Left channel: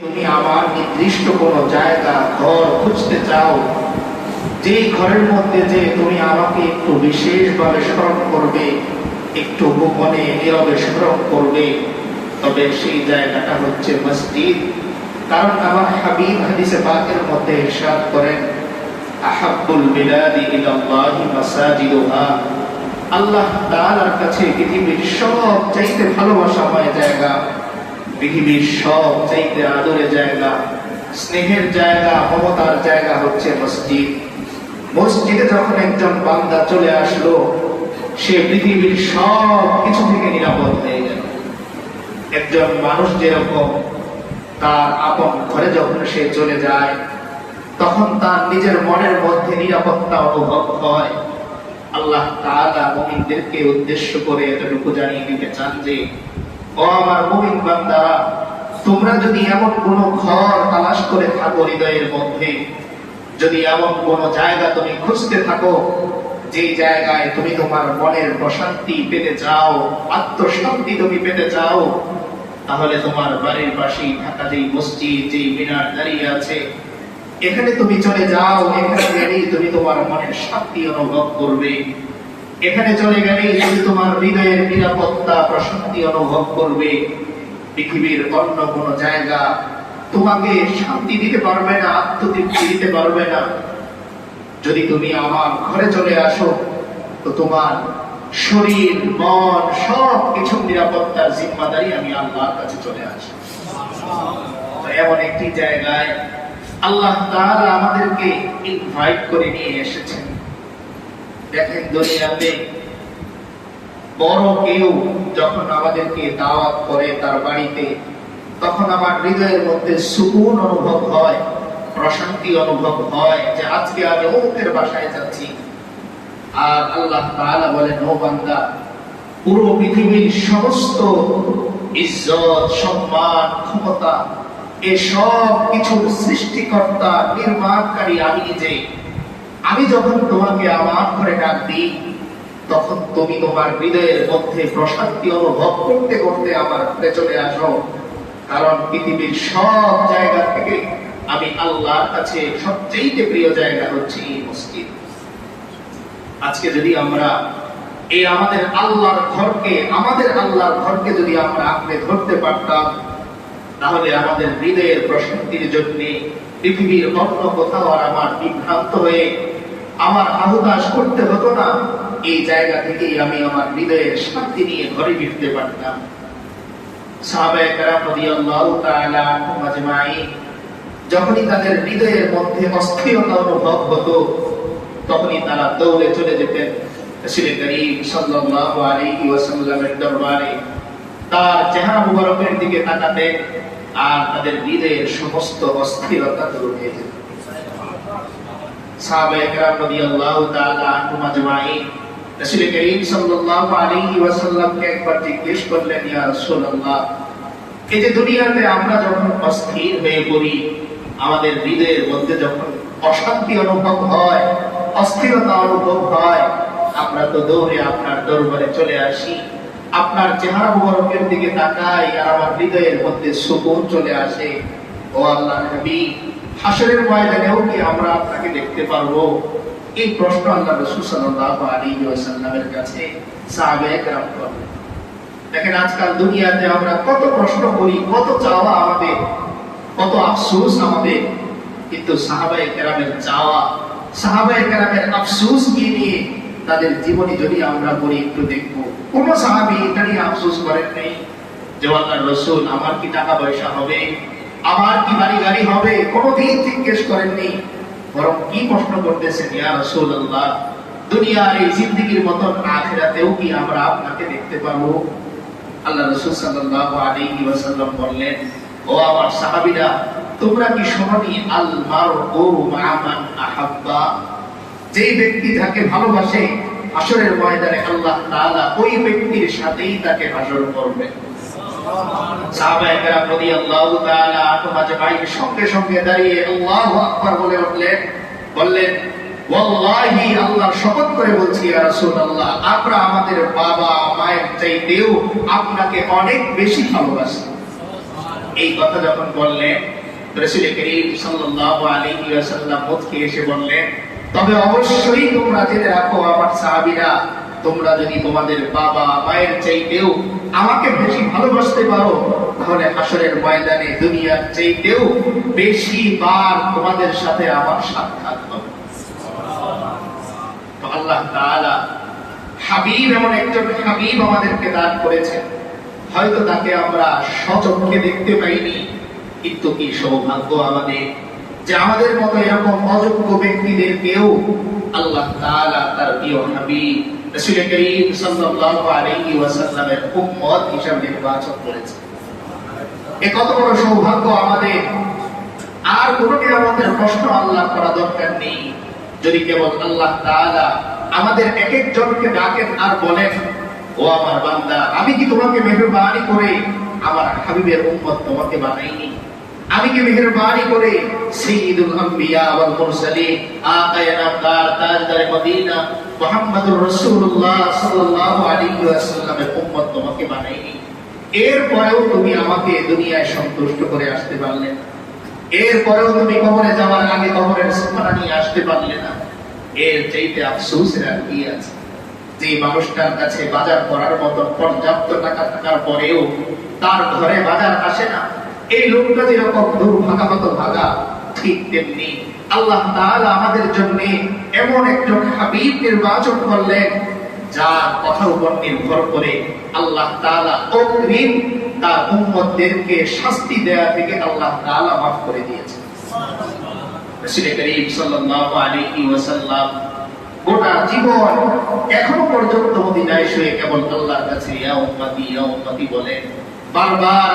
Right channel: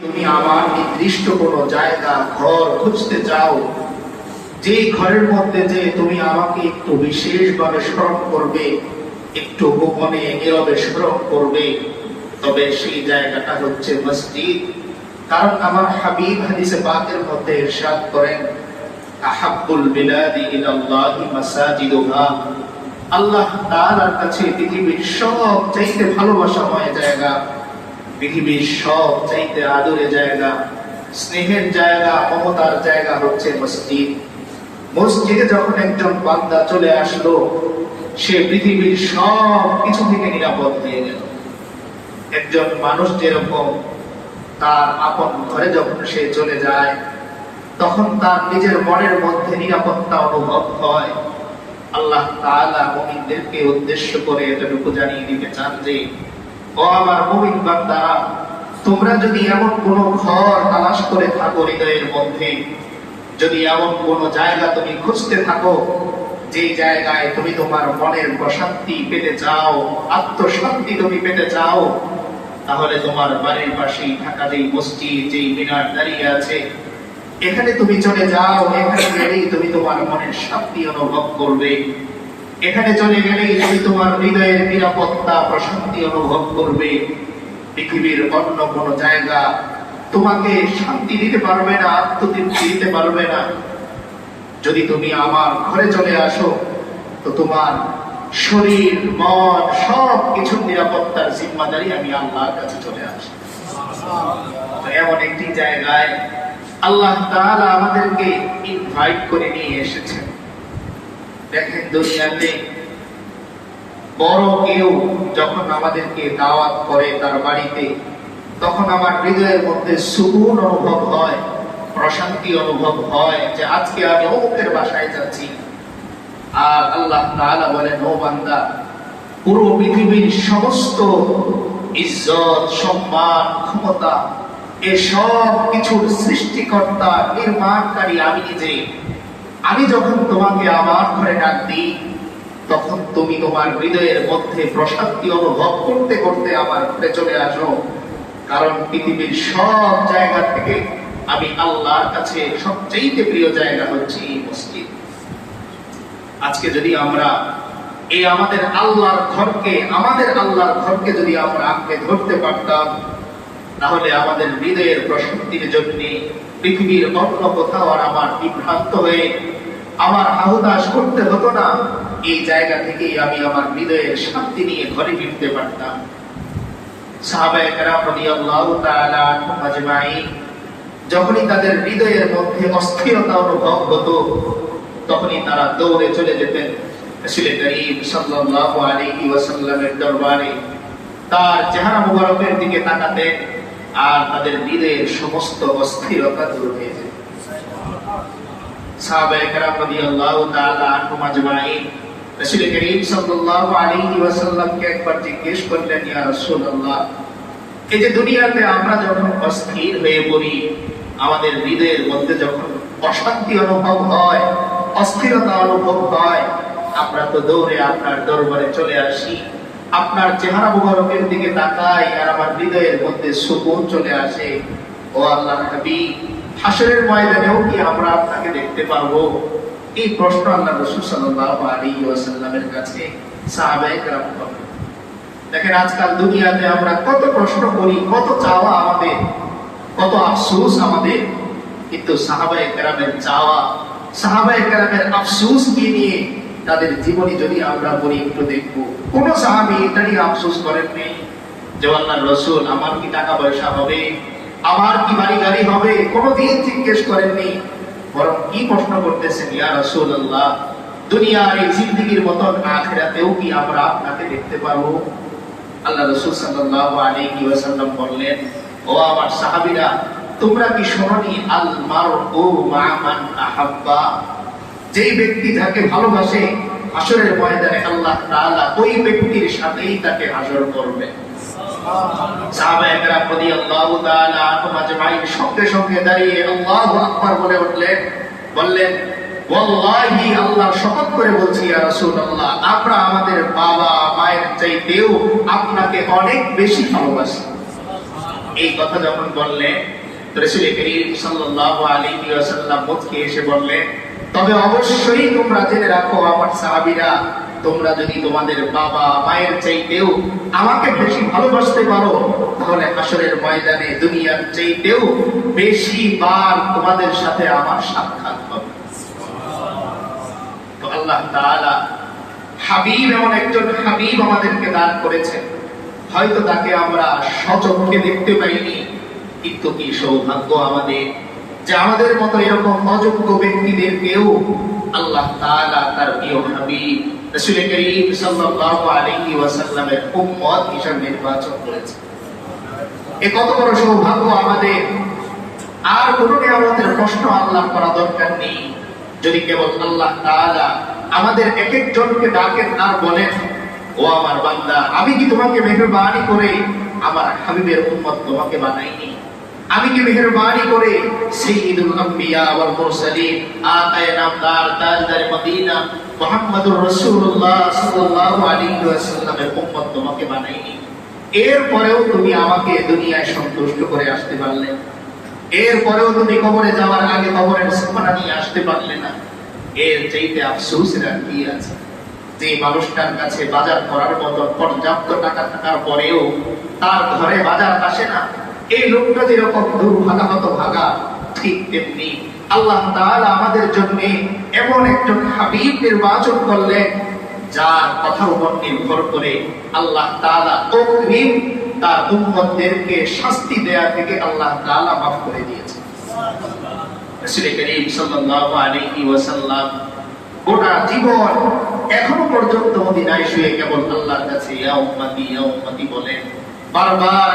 তুমি আমার নির্দিষ্ট কোন জায়গা ঘর খুঁজতে চাও, যে ঘরের মধ্যে যে তুমি আমাকে একটু বিশেষভাবে স্মরণ করবে, একটু গোপনে নীরবে স্মরণ করবে, তবে সেই জায়গাটা হচ্ছে মসজিদ। কারণ আমার হাবিব হাদিসে পাকের মধ্যে ইরশাদ করেন, আহাব্বুল বিলাদি ইলাল্লাহি মাসাজিদুহা। আল্লাহ তাআলার কাছে পৃথিবীর সবচাইতে ভালোবাসাময় জায়গা, পৃথিবীর সব চাইতে আদরের জায়গা, স্নেহের জায়গা, মমতার জায়গা হচ্ছে মসজিদ। মসজিদে যখন একজন বান্দা চলে আসলো, সে পৃথিবীর সব কিছু থেকে নিরাপদ হয়ে গেল। একজন মানুষ যেরকম তার আপন ঘরে যখন সে চলে যায়, তখন তার নিজের মনের মধ্যে নিরাপত্তা অনুভব হয়। আল্লাহ তাআলা মুমিনদেরকে উদ্দেশ্য করে এতটুকু জানিয়ে দিতে চান যে, ও আমার মুমিন বান্দারা, তোমরা যদি এমন কোন ঘর তালাশ করে থাকো হৃদয়ের মধ্যে, যদি এমন কোন জায়গা তুমি খুঁজতে থাকো, যে জায়গায় তুমি তোমার মনের প্রশান্তি পেতে চাও, আত্মশান্তি তুমি পেতে চাও, তাহলে তোমার বাড়ির পাশেই থাকা যেই মসজিদ, যেই মিনার দাঁড়িয়ে আছে, এখানে তুমি চলে যাও। এখানে গেলেই তুমি তোমার মনের শান্তি অনুভব করবে। এখানে চলে গেলেই তুমি তোমার হৃদয়ের নিরাপত্তা, প্রশান্তি অনুভব করবে। পৃথিবীর অন্য কোন জায়গা তোমাকে শান্তি দিতে পারবে না, আত্মতৃপ্তি দিতে পারবে না। যদি তুমি আমার ঘরে চলে আসো, তো তোমার শরীর, মন, সব কিছুর নিরাপত্তার জিম্মাদারি আমি আল্লাহর কাছে চলে আসি। এমন একটি জায়গায় আল্লাহ তাআলা আমাদেরকে ইনভাইট করে নিয়ে এসেছেন। দেখেন, দুনিয়াতে বড় কেউ যখন আমাদেরকে দাওয়াত করে তার বাড়িতে, তখন আমার হৃদয়ের মধ্যে সুকুন অনুভব হয়, প্রশান্তি অনুভব হয় যে আজকে আমি অমুকের বাসায় যাচ্ছি। আর আল্লাহ তাআলা বলেন, ও বান্দা, পুরো পৃথিবীর সমস্ত ইজ্জত, সম্মান, ক্ষমতা, এসব কিছুর সৃষ্টিকর্তা, নির্মাণকারী আমি নিজে। আমি যখন তোমাকে আমার ঘরে ডাক দিই, তখন তুমি তোমার হৃদয়ের মধ্যে প্রশান্তি অনুভব করতে করতে আমার ঘরে চলে আসো। কারণ পৃথিবীর সব জায়গা থেকে আমি আল্লাহর কাছে সবচেয়ে প্রিয় জায়গা হচ্ছে এই মসজিদ। আজকে যদি আমরা এই আমাদের আল্লাহর ঘরকে যদি আমরা আঁকড়ে ধরতে পারতাম, তাহলে আমাদের হৃদয়ের প্রশান্তির জন্য পৃথিবীর অন্য কোথাও আর আমার বিভ্রান্ত হয়ে আমার আহুদাস করতে হতো না। এই জায়গা থেকেই আমি আমার হৃদয়ের শান্তি নিয়ে ঘরে ফিরতে পারতাম। সাহাবায়ে কেরাম রাদিয়াল্লাহু তাআলা আনহুম আজমাইন যখনই তাদের হৃদয়ের মধ্যে অস্থিরতা অনুভব হতো, তখনই তারা দৌড়ে চলে যেতেন রাসূল করিম সাল্লাল্লাহু আলাইহি ওয়াসাল্লামের দরবারে, তার চেহারা মুবারকের দিকে তাকাতেন, আর তাদের হৃদয়ের সমস্ত অস্থিরতা দূর হয়ে যেত। সাহাবায়ে কেরাম রাদিয়াল্লাহু তাআলা আনহুম আজমাইন রাসূল করিম সাল্লাল্লাহু আলাইহি ওয়াসাল্লামকে একবার জিজ্ঞেস করলেন, ইয়া রাসূলুল্লাহ, এই যে দুনিয়াতে আমরা যখন অস্থির হয়ে পড়ি, আমাদের হৃদয়ের মধ্যে যখন অশান্তি অনুভব হয়, অস্থিরতা অনুভব হয়, আমরা তো দৌড়ে আপনার দরবারে চলে আসি, আপনার চেহারা মুবারকের দিকে তাকাই, আর আমার হৃদয়ের মধ্যে সুকুন চলে আসে। ও আল্লাহর হাবিব, হাসরের ময়দানেও কি আমরা আপনাকে দেখতে পারবো? এই প্রশ্ন আল্লাহ রাসূল সাল্লাল্লাহু আলাইহি ওয়াসাল্লামের কাছে সাহাবায়ে কেরাম করেন। দেখেন, আজকাল দুনিয়াতে আমরা কত প্রশ্ন করি, কত চাওয়া আমাদের, কত আফসোস আমাদের, কিন্তু সাহাবায়ে কেরামের চাওয়া, সাহাবায়ে কেরামের আফসোস কি নিয়ে তাদের জীবনী যদি আমরা পড়ি, একটু দেখবো কোন সাহাবী এটা নিয়ে আফসোস করেন নেই যে আল্লাহর রাসূল, আমার কি টাকা পয়সা হবে, আমার কি বাড়ি গাড়ি হবে, কোনদিন জিজ্ঞেস করেননি। বরং কি প্রশ্ন করতেছেন, ইয়া রাসূলুল্লাহ, দুনিয়ার এই জিন্দেগীর মতন আখিরাতেও কি আমরা আপনাকে দেখতে পারবো? আল্লাহ রাসূল সাল্লাল্লাহু আলাইহি ওয়াসাল্লাম বললেন, ও আমার সাহাবীরা, তোমরা কি শোনোনি, আল মারউ মা মান আহাব্বা, যেই ব্যক্তি যাকে ভালোবাসে, হাসরের ময়দানে আল্লাহ তাআলা ওই ব্যক্তির সাথেই তাকে হাসর করবে। সাহাবায়ে কেরাম রাদিয়াল্লাহু তাআলা আনহুম আজমাইন সঙ্গে সঙ্গে দাঁড়িয়ে আল্লাহু আকবার বলে উঠলেন, বললেন, ওয়াল্লাহি, আল্লাহর শপথ করে বলছি ইয়া রাসূলুল্লাহ, আমরা আমাদের বাবা মায়ের চাইতেও আপনাকে অনেক বেশি ভালোবাসি। এই কথা যখন বললেন, রাসূল করিম সাল্লাল্লাহু আলাইহি ওয়াসাল্লাম মুচকি এসে বললেন, তবে অবশ্যই তোমরা জেনে রাখো আমার সাহাবীরা, তোমরা যদি তোমাদের বাবা মায়ের চাইতেও আমাকে বেশি ভালোবাসতে পারো, তাহলে হাসরের ময়দানে দুনিয়ার চাইতেও বেশি বার তোমাদের সাথে আমার সাক্ষাৎ হবে। তো আল্লাহ তাআলা হাবিব, এমন একজন হাবিব আমাদেরকে দান করেছেন। হয়তো তাকে আমরা সচক্ষে দেখতে পাইনি, কিন্তু কি সৌভাগ্য আমাদের যে আমাদের মতো এরকম অযোগ্য ব্যক্তিদেরকেও আল্লাহ তাআলা তার প্রিয় হাবিব রাসূল করিম সাল্লাল্লাহু আলাইহি ওয়াসাল্লামের উম্মত হিসেবে নির্বাচন করেছে। এ কত বড় সৌভাগ্য আমাদের! আর কোনো আমাদের প্রশ্ন আল্লাহ করা দরকার নেই। যদি কেবল আল্লাহ তাআলা আমাদের এক একজনকে ডাকেন আর বলেন, ও আমার বান্দা, আমি কি তোমাকে মেহেরবানি করে আমার হাবিবের উম্মত তোমাকে বানাইনি? আমি কি মেহেরবানি করে সাইয়্যিদুল আম্বিয়া ওয়াল মুরসালিন আকায়ে নামদার তাজদার মদিনা মুহাম্মদুর রাসূলুল্লাহ সাল্লাল্লাহু আলাইহি ওয়াসাল্লামের উম্মত তোমাকে বানাইনি? এরপরেও তুমি আমাকে দুনিয়ায় সন্তুষ্ট করে আসতে পারলে না। এরপরেও তুমি কবরে যাওয়ার আগে কবরের সফরা নিয়ে আসতে পারলে না। এর চাইতে আফসোসের আর কি আছে? যে মানুষটার কাছে বাজার করার মতো পর্যাপ্ত টাকা থাকার পরেও তার ঘরে বাজার আসে না, এই লোকটা যেরকম দুর্ভাগা মতো ভাগা, ঠিক তেমনি আল্লাহ তাআলা আমাদের জন্য এমন একজন হাবিব নির্বাচন করলেন, যার কথার উপর নির্ভর করে আল্লাহ তাআলা অগ্রিম তার উম্মতদেরকে শাস্তি দেয়া থেকে আল্লাহ তাআলা মাফ করে দিয়েছেন। রাসূল করিম সাল্লাল্লাহু আলাইহি ওয়াসাল্লাম গোটা জীবন এখনো পর্যন্ত মদিনায় শুয়ে কেবল আল্লাহর কাছে ইয়া উম্মতি বলেন, বারবার